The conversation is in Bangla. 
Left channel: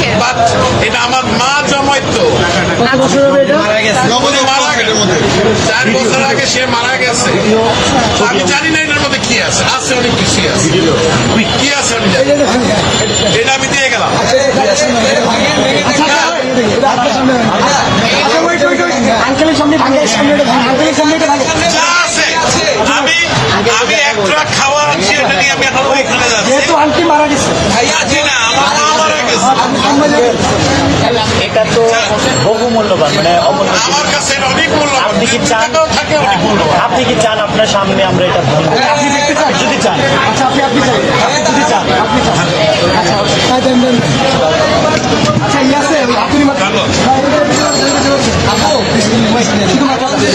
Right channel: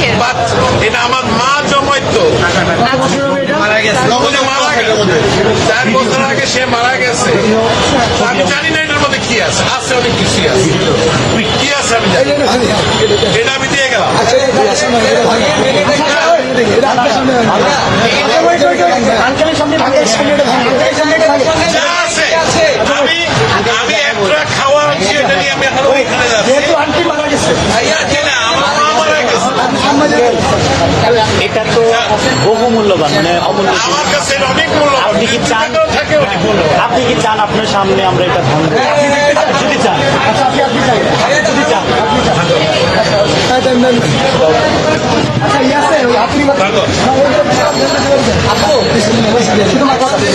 কিসের? এটা আমার মা জমাইতো। মারা গেছে। উনি মারা গেছে 4 বছর আগে, সে মারা গেছে। আমি জানি না এটার মধ্যে কি আছে, আছে অনেক কিছুই আছে, কি আছে আমি জানি না। এটা আমি দিয়ে গেলাম। আঙ্কেলের সামনে ভাঙে, আঙ্কেলের সামনে এটা ভাঙে। যা আছে আমি একটা খাওয়া আনছি, এটা নিয়ে আমি এখন ওইখানে যাচ্ছি। যেহেতু আন্টি মারা গেছে, যাচ্ছি না, আমার মা মারা গেছে। এটা তো বহু মূল্যবান, মানে অমূল্য। আমার কাছে এটা অনেক মূল্যবান, 2 টাকাও থাকে অনেক মূল্যবান। আপনি কি চান আপনার সামনে আমরা এটা ভাঙবো? আপনি দেখতে চান? যদি চান, আচ্ছা আপনি চান, যদি চান, আপনি চান। আচ্ছা আপনি